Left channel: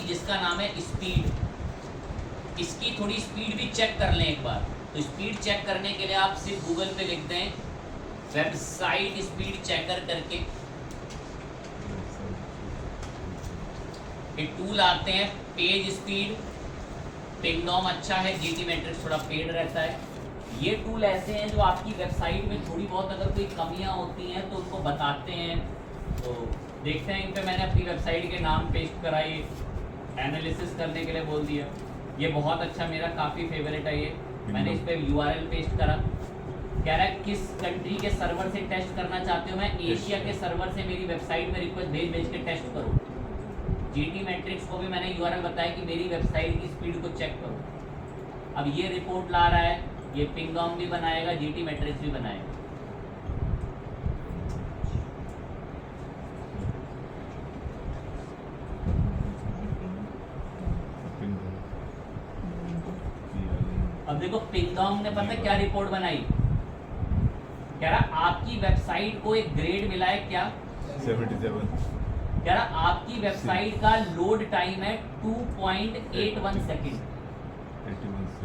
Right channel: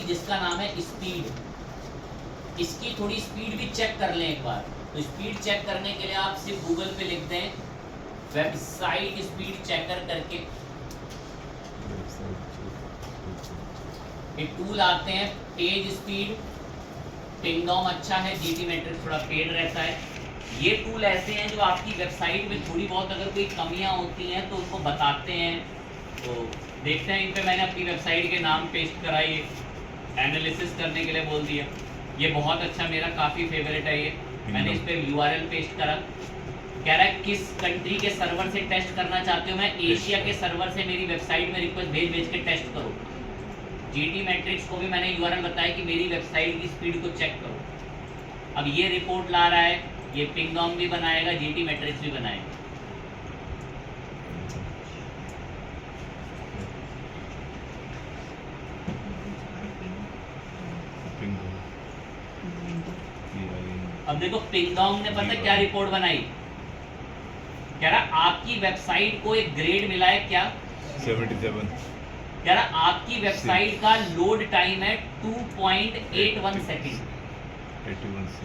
आएगी जिसका नाम है स्पीड। इसकी थोड़ी स्पीड भी चेक कर लें एक बार। तो स्पीड चेक करने के लिए आप सिर्फ गूगल पे लिख दें वेबसाइट स्पीड चेकर करके, ये टूल आते हैं। पेज स्पीड, पिंगडॉम अच्छा है, जीटी मैट्रिक्स थोड़ा पेड रहता है। ये टूल ऐसे हैं जो आपकी वेबसाइट में थोड़ी बहुत अगर कोई कमियां होती हैं तो उनको बताते हैं। तो देखते हैं, इन पे मैंने अपनी वेबसाइट के नाम पेस्ट कराई, एनालिसिस करने के लिए बोल दिया। ये बहुत अच्छा, मेरा काफ़ी फेवरेट है ये। मैंने इस पर URL पेस्ट करा। कह रहा है किस कंट्री के सर्वर से टेस्ट करना चाहते हो, मैं एशिया के सर्वर से मेरी वेबसाइट में रिक्वेस्ट भेज के टेस्ट करो। जीटी मैट्रिक्स को भी मैंने URL बताया कि मेरी वेबसाइट की स्पीड को चेक करो। अब ये रिपोर्ट ला रहा है, ये पिंगडॉम भी बनाएगा, जीटी मैट्रिक्स भी बनाएगा। अब देखो पिंगडॉम ने पता क्या रिपोर्ट बनाई, कह रहा आपकी वेबसाइट को एक ग्रेड मिला है क्या 77। कह रहा आपकी वेबसाइट का लोड टाइम है 2.81 सेकेंड।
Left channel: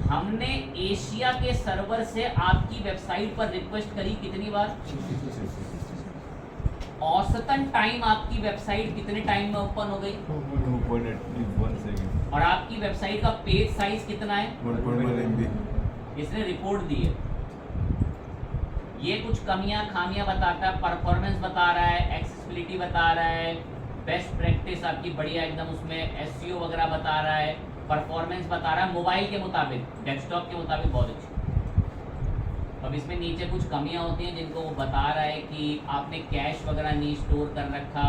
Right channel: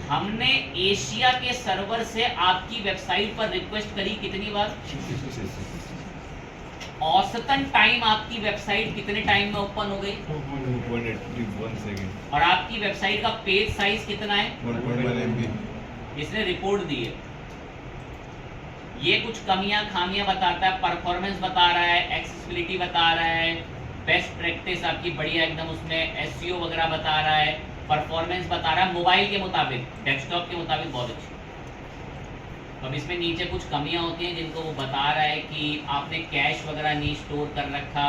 हमने एशिया के सर्वर से आपकी वेबसाइट पर रिक्वेस्ट करी कितनी बार, औसतन टाइम आपकी वेबसाइट कितने टाइम में ओपन हो गई 2.81 सेकंड। और आपकी वेबसाइट का पेज साइज कितना है 1.1 MB। इसने रिपोर्ट दी है। ये कुछ कमियां खामियां बताता है, परफॉर्मेंस बता रहा है, एक्सेसिबिलिटी बता रहा है, बेस्ट प्रैक्टिस आपकी बढ़िया एकदम, उसमें SEO वगैरह बता रहा है, परफॉर्मेंस बता रहा है मोबाइल के मुताबिक, डेस्कटॉप के मुताबिक बहुत अच्छी। अब इसमें नीचे कुछ कमियां होती हैं जिनको वो बता रहा है कि आपने कैश वगैरह नहीं स्टोर कर रखा,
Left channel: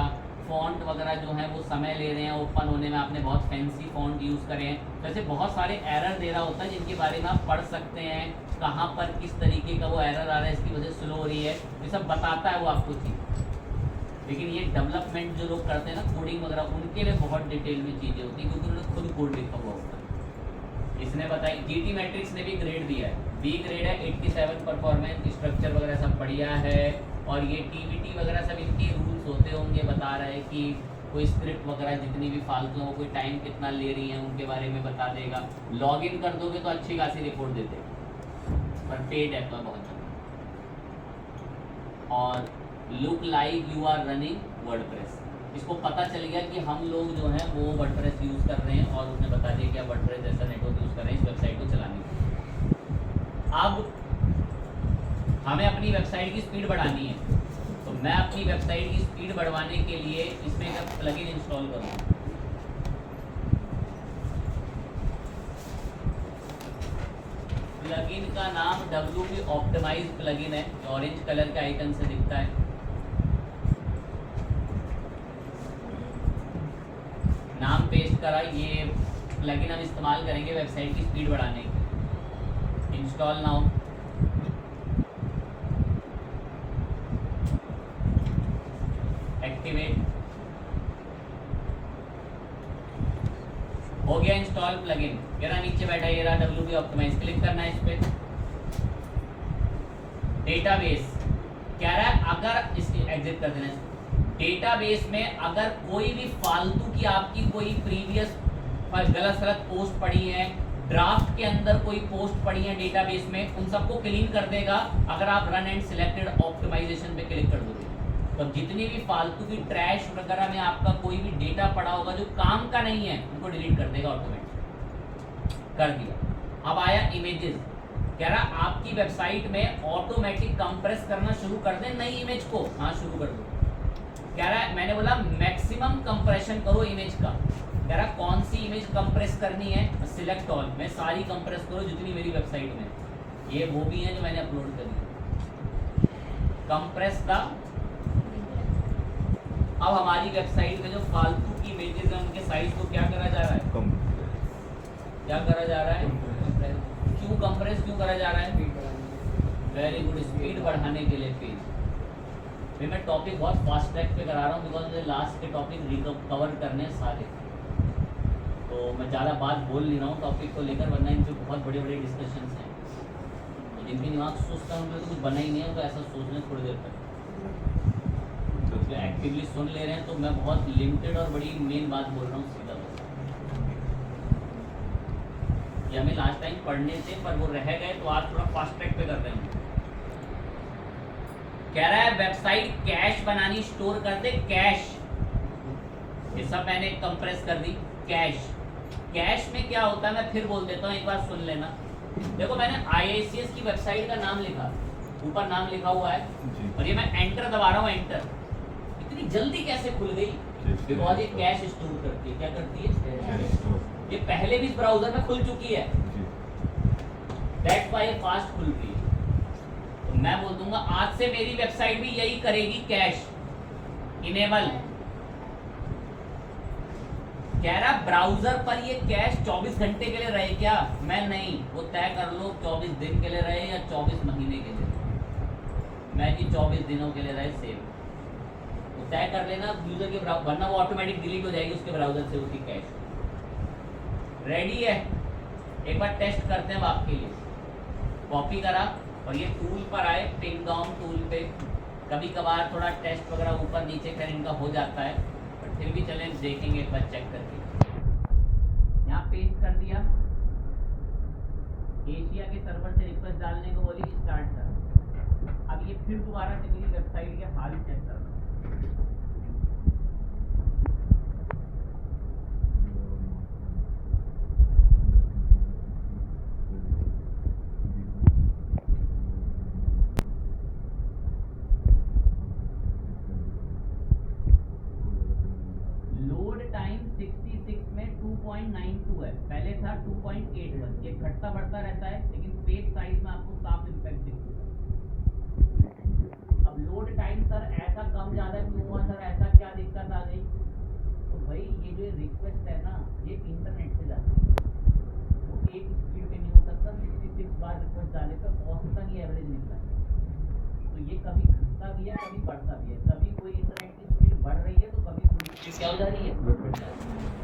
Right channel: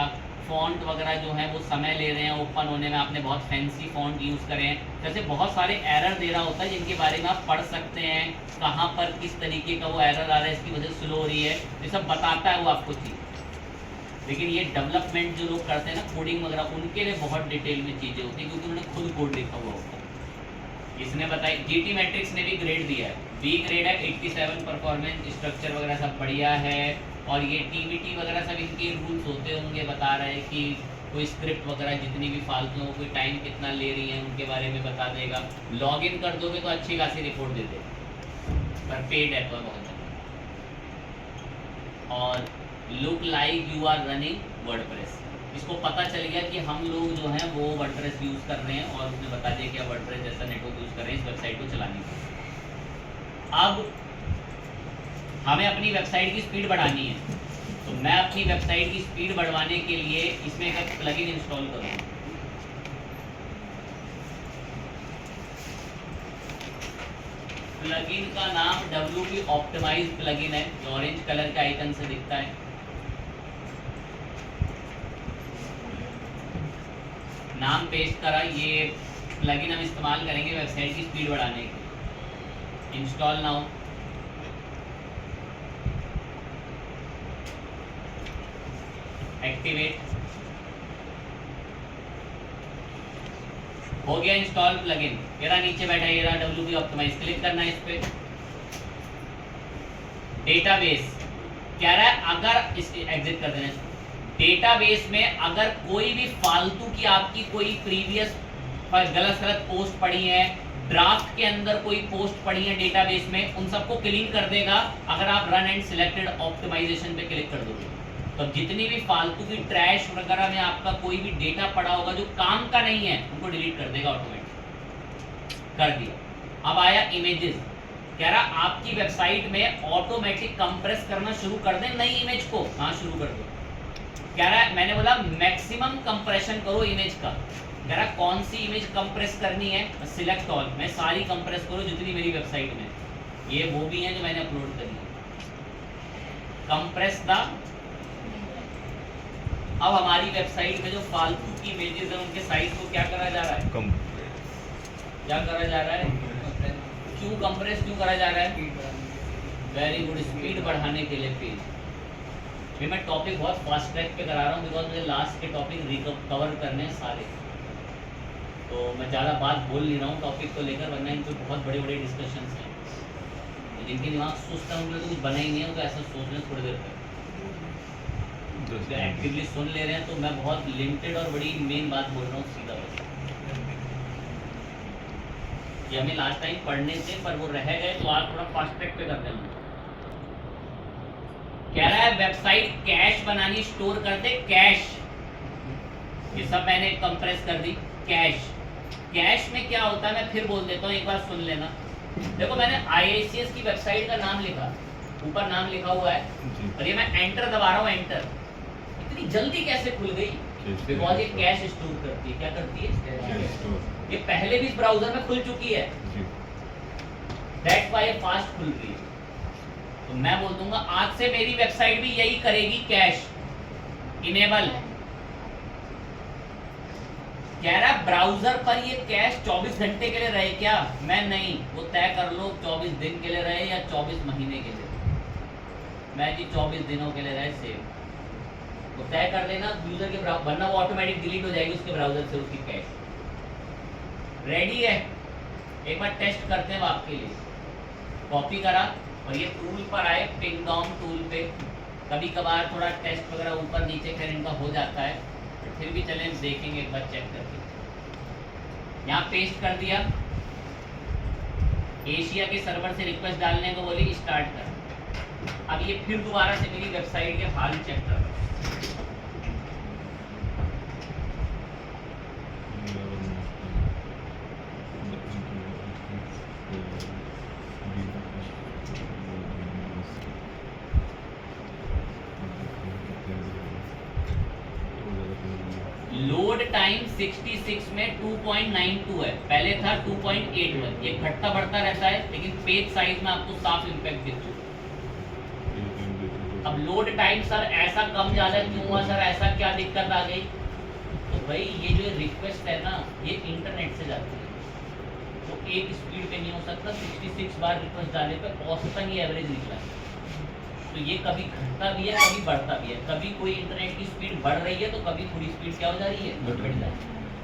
फ़ॉन्ट वगैरह जो है वो समय ले रहे हैं ओपन होने में, आपने बहुत फैंसी फ़ॉन्ट यूज़ करे हैं। जैसे बहुत सारे एरर दे रहा होता है जिनके बारे में आप पढ़ सकते हैं, कहाँ पर किस तरीके का वो एरर आ रहा है, इसकी वजह से स्लो हो रही है, ये सब बताता है वो आपको चीज़। लेकिन ये डेवलपमेंट जो लोग करते हैं ना, कोडिंग वगैरह, उनके लिए बहुत डिटेल में चीज़ें होती हैं क्योंकि उन्होंने खुद कोड लिखा हुआ होता है। इसने बताई, जीटी मैट्रिक्स ने भी ग्रेड दिया है, बी ग्रेड है, 87 परफॉर्मेंस, स्ट्रक्चर वगैरह सब बढ़िया है। और ये TBT वगैरह सब इनके रूल्स होते होंगे, बता रहा है कि कोई स्क्रिप्ट वगैरह जितनी भी फालतू हो, कोई टाइम कितना ले रही है उनके बारे में बता देगा। लॉगिन कर दोगे तो अच्छी खासी रिपोर्ट दे देगा, पर पेड है तो बहुत ज़्यादा। और look like you are running WordPress, इसको पता चल गया कि हम लोग जो हैं वो वर्डप्रेस यूज़ कर रहे हैं और उसने बता दिया कि आप वर्डप्रेस जैसा नेटवर्क यूज़ कर रहे हैं इस वेबसाइट को चलाने के लिए। अब हमें अपनी वेबसाइट की स्पीड बढ़ानी है, तो मैं अपनी वेबसाइट की स्पीड बढ़वाने के लिए इसमें एक प्लगइन इंस्टॉल करूँगा। प्लगइन का नाम WP ऑप्टिमाइज प्लगइन है, ऑरेंज कलर के आइकन से दिखता है। नाम पेस्ट करा, ये प्लगइन हम इस्तेमाल करेंगे वेबसाइट की स्पीड बढ़ाने के। इंस्टॉल नाउ, एक्टिवेट, हो गया इंस्टॉल प्लगइन। ये रहा नीचे बैठा, ये रहा WP ऑप्टिमाइज, क्लिक करना है इस पे। डेटाबेस कह रहा है अगर इस एग्जिट कर देना, डेटाबेस में अगर कोई भी फालतू की आपकी कोई प्रीवियस गलत पोस्ट पड़ी है, ड्राफ्ट के अंदर कोई पोस्ट पड़ी है डेटाबेस में, उन सबको क्लीन कर देगा अगर आप रन एंड सिलेक्टेड ऑप्टिमाइजेशन पे क्लिक कर दोगे। तो जितनी भी फालतू की ट्रैश वगैरह में आपका कोई भी डेटा पड़ा होगा जो काम का नहीं है, उनको डिलीट कर देगा ऑटोमेटिक। कर दिया। अब आया इमेजेस, कह रहा आपकी वेबसाइट में ऑटोमेटिक कंप्रेस करना शुरू कर दें नई इमेज को। हाँ, शुरू कर दो। कह रहा है, मैंने बोला मैक्सिमम कंप्रेशन करो इमेज का। कह रहा कौन सी इमेज कंप्रेस करनी है, सिलेक्ट ऑल में सारी कंप्रेस करो जितनी मेरी वेबसाइट में। ये वो भी हैं जो मैंने अपलोड करी है। कंप्रेस द, अब हमारी वेबसाइट में जो फालतू की इमेजेस हैं उनके साइज को क्या करा जा रहा है, क्या करा जा रहा है, क्यों कंप्रेस क्यों करा जा रहा है, वेरी गुड, स्पीड बढ़ाने के लिए पेज। फिर मैं टॉपिक बहुत फास्ट ट्रैक पे करा रहा हूँ बिकॉज मुझे लास्ट के टॉपिक कवर करने हैं सारे, तो मैं ज़्यादा बात बोल नहीं रहा हूँ टॉपिक को लेकर, वरना इन पर बहुत बड़े बड़े डिस्कशंस हैं। तो जिनके दिमाग सुस्त है उनके तो कुछ बना ही नहीं है, तो ऐसा सोच लें थोड़ी देर तक। तो एक्टिवली सुन ले रहे हैं तो मैं बहुत लिमिटेड और बड़ी मेन बात बोल रहा हूँ सीधा बस। ये हमें लास्ट टाइम पढ़ने थे पर वो रह गए, तो आज थोड़ा फास्ट ट्रैक पे कर रहे हैं। कह रहा है वेबसाइट कैश बनानी, स्टोर कर दे कैश। ये सब मैंने कंप्रेस कर दी। कैश, कैश में क्या होता है मैं फिर बोल देता हूँ, एक बार सुन लेना। देखो मैंने IICS की वेबसाइट का नाम लिखा, ऊपर नाम लिखा हुआ है जी। और ये मैं एंटर दबा रहा हूँ। एंटर इतनी जल्दी कैसे खुल गई? बिकॉज ये कैश स्टोर करती है। क्या करती है? Cash store. ये पहले भी इस ब्राउजर में खुल चुकी है, जी। दैट्स व्हाई ये फास्ट खुल रही है। तो मैं बोल दूंगा आज से मेरी वेबसाइट भी यही करेगी, कैश इनेबल। कह रहा ब्राउजर पर ये कैश 24 घंटे के लिए रहे क्या? मैं नहीं, वो तय कर लो 24 दिन के लिए रहे या 24 महीने के लिए। मैं जी 24 दिनों के लिए रहे सेव, वो तय कर लेना यूजर के ब्राउजर, वरना वो ऑटोमेटिक डिलीट हो जाएगी उसके ब्राउजर से उसकी कैश। रेडी है? एक बार टेस्ट करते हैं आपके लिए। कॉपी करा और ये टूल पर आए, पिन डाउन टूल पे। कभी कभार थोड़ा टेस्ट वगैरह ऊपर नीचे खैर इनका हो जाता है, बट फिर भी चलें देखेंगे एक बार चेक करके। यहाँ पेस्ट कर दिया, एशिया के सर्वर से रिक्वेस्ट डालने को बोली स्टार्ट कर। अब ये फिर दोबारा से मेरी वेबसाइट के हाल चेक कर। लोड टाइम 66 में 2.92 है, पहले था 2.81। ये घटता बढ़ता रहता है, लेकिन पेज साइज में आपको साफ इम्पैक्ट दिखता है। अब लोड टाइम सर ऐसा कम ज्यादा क्यों हुआ सर, ऐसा क्या दिक्कत आ गई? तो भाई ये जो रिक्वेस्ट है ना, ये इंटरनेट से जाती है, तो एक स्पीड पे नहीं हो सकता। 66 बार रिक्वेस्ट डाले पे औसतन ये एवरेज निकला है। तो ये कभी घटता भी है, कभी बढ़ता भी है। कभी कोई इंटरनेट की स्पीड बढ़ रही है तो कभी पूरी स्पीड क्या हो जा रही है, घट रही है।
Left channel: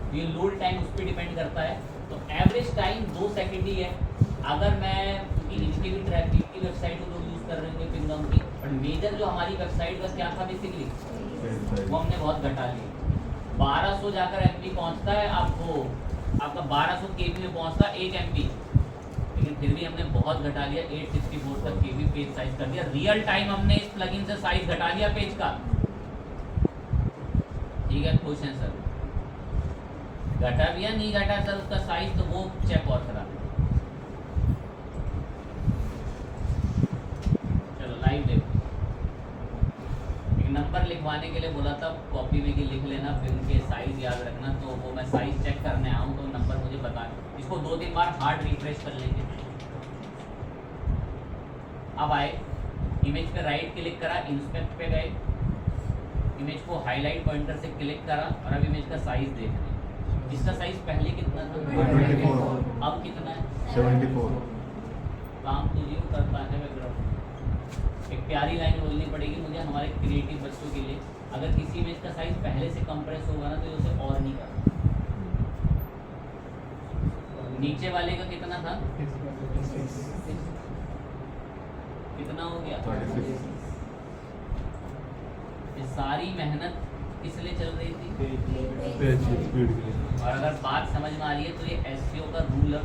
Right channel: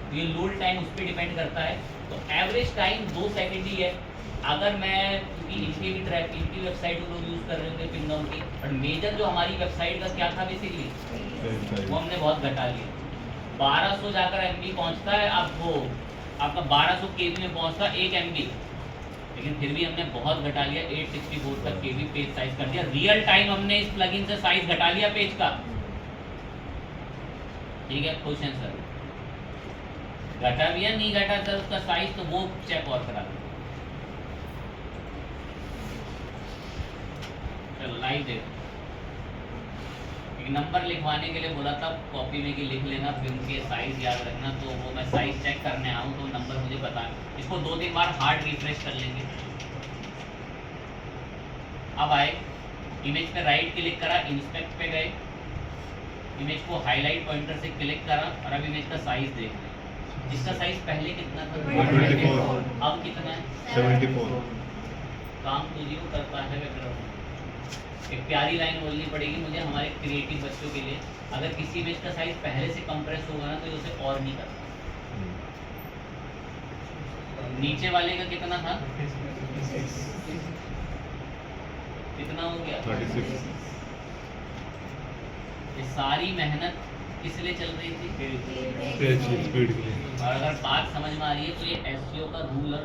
तो ये लोड टाइम उस पर डिपेंड करता है। तो एवरेज टाइम 2 सेकंड ही है। अगर मैं, क्योंकि इनकी भी ट्रैफिक की वेबसाइट लोग यूज़ कर रहे थे पिन डाउन की, बट मेजर जो हमारी वेबसाइट का क्या था बेसिकली, वो हमने बहुत घटा लिया। 1200 जाकर MB पहुँचता है आपको, आपका 1200 KB में पहुँचता है 1 MB, लेकिन फिर भी हमने बहुत घटा लिया। 864 तक KB पेज साइज कर दिया। रियल टाइम हमने इस प्लगइन से साइज घटा लिया पेज का। ठीक है, खुश हैं सर? घटा भी है नहीं घटा सर उसका साइज, तो वो चेक और करा। चलो लाइव देखो। एक नंबर लिखवाने के लिए बोला था कॉपी में कि लिख लेना, फिर उनके साइज याद रखना। तो वो मैं साइज चेक करने आऊँ तो नंबर मुझे बता। इसको 2-3 बार हार्ड रिफ्रेश कर लेंगे। अब आए इमेज पे राइट क्लिक करा, इंस्पेक्ट पे गए, इमेज को हाईलाइट पॉइंटर से क्लिक करा और अब इमेज का साइज देख रहे हैं। इसका साइज पहले कितना था? 24। अब कितना है? 74। काम तो जीव करता है बैकग्राउंड। एक प्यारी लाइन बोलनी पड़ेगी मुझे हमारे क्रिएटिव बच्चों के लिए। अगर किसी इमेज का साइज पहले से कंप्रेस होगा ना, तो ये उसे और नहीं करता। नीचे वाले का कितना था? कितना हो गया? 36। ये सारी मेहनत किस लिए चल रही थी? पेज स्पीड के लिए। और अगर बात समझ में आ रही है तो ये SEO का रूल